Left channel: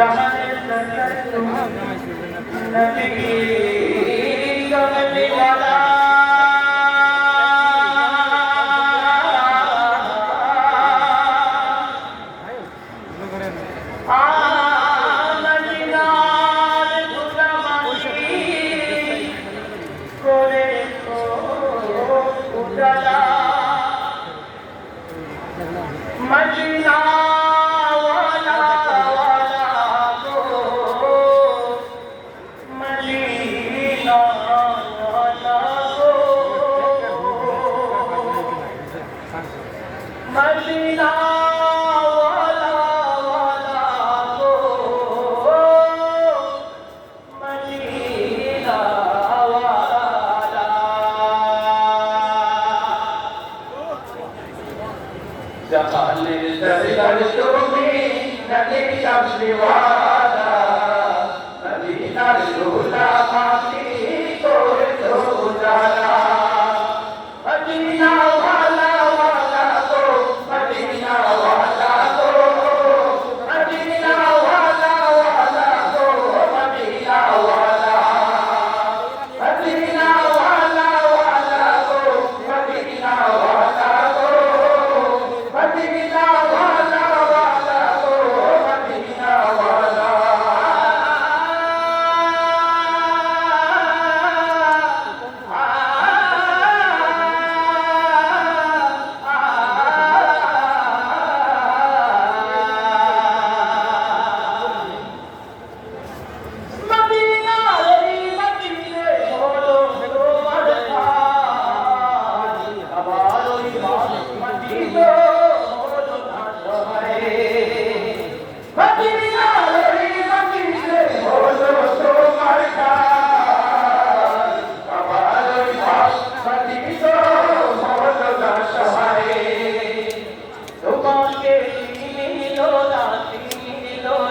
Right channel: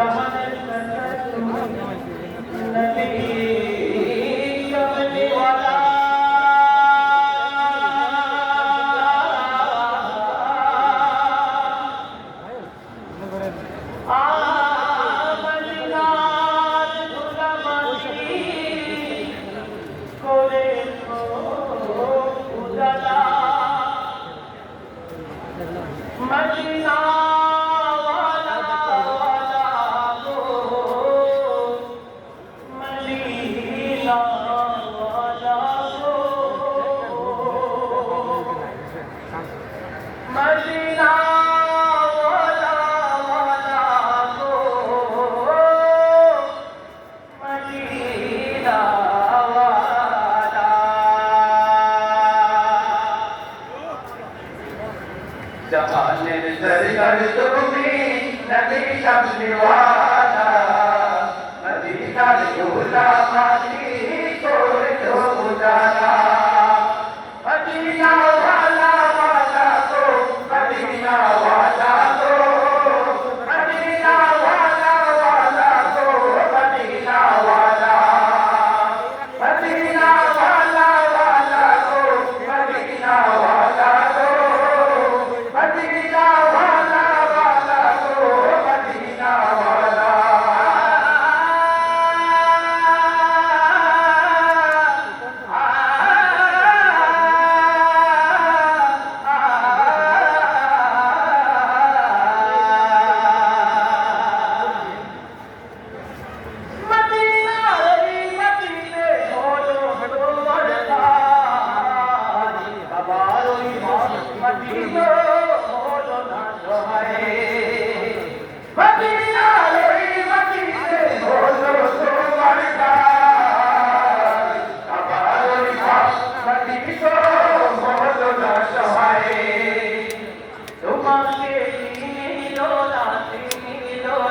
জাহানের সরকার নবী কমলি ওয়ালা मदीना वाला वाला गो मदीना वाला गो मदीना वाला वाला गो मदीना वाला जहानेर सरकार तुम्ही नबी कमली वाला मदीनार गुलामाती तोरे तो उजाला मदीना वाला वाला को मदीना वाला को मदीना वाला वाला को मदीना वाला मदीना वाला वाला को मदीना वाला को मदीना वाला वाला को मदीना वाला मदीना रे मदीने बोलो তোমার খান আবার ওই মদীনা बोलो না সহায় मदीना রে মদীনে बोलो তোমার খান আবার ওই মদীনা बोलो না সহায় তোমাকে চিনিল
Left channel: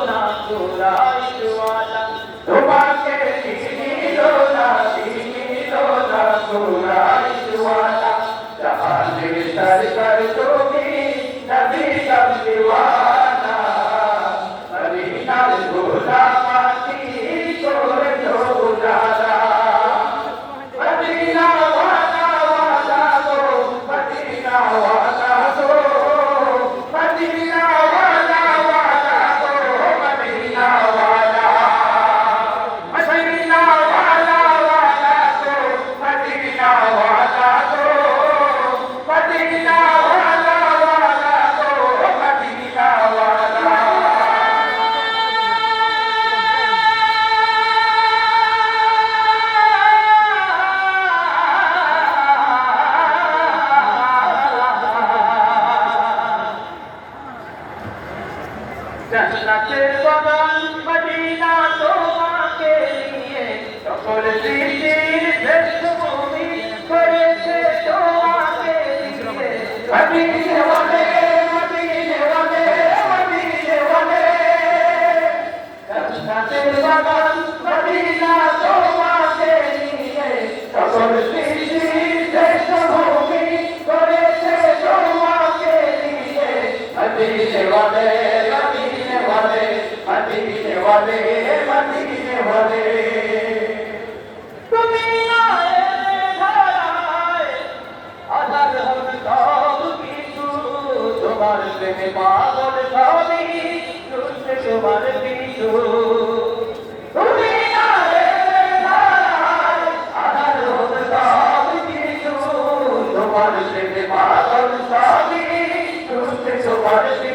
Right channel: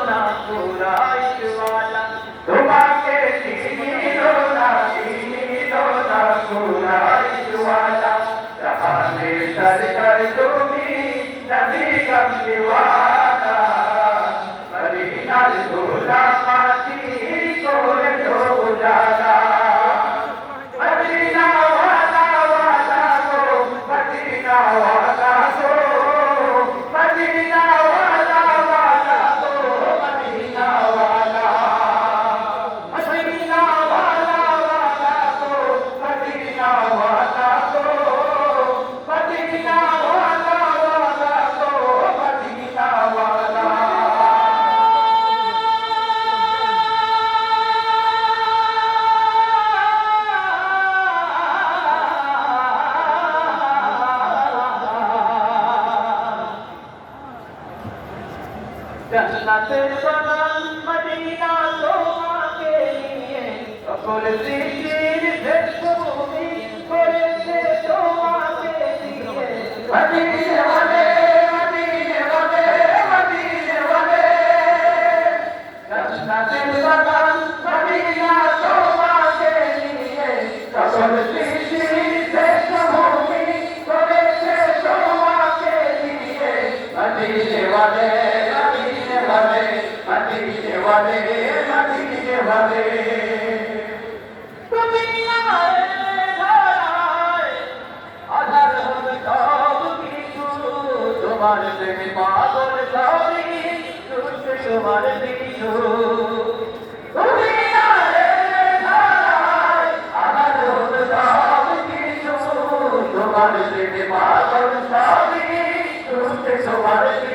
না কুরাইশ ওয়ালা তোমাকে চিনিল না কুরাইশ ওয়ালা জাহানে সরকার তুমি নবী কমলি ওয়ালা মদিনার গোলামাতি করে দো উজালা মদিনা ওয়ালা ওয়ালা গো মদিনা ওয়ালা গো मदीना वाला वाला को मदीना वाला मदीना वाला वाला को मदीना वाला को मदीना वाला वाला को मदीना वाला जन्नतेर बागान मदीना তোমাকে নিয়ে সকল সৃষ্টির শ্রেষ্ঠ ভূমি করেছে তোমাকে দিয়ে মদিনে ওয়ালে মদিনে ওয়ালে মদিনে ওয়ালে जन्नतेर বাগান মদিনা তোমাকে নিয়ে সকল সৃষ্টির শ্রেষ্ঠ ভূমি করেছে তোমাকে দিয়ে মদিনে ওয়ালে मदीने वाले मदीने वाले তুমি আয় আধার হবে সব কিছু তোমার প্রেমে পাগল সবই ছুটছে তোমার পিছু তুমি আধার হবে সব কিছু তোমার প্রেমে পাগল সবই ছুটছে তোমার পিছু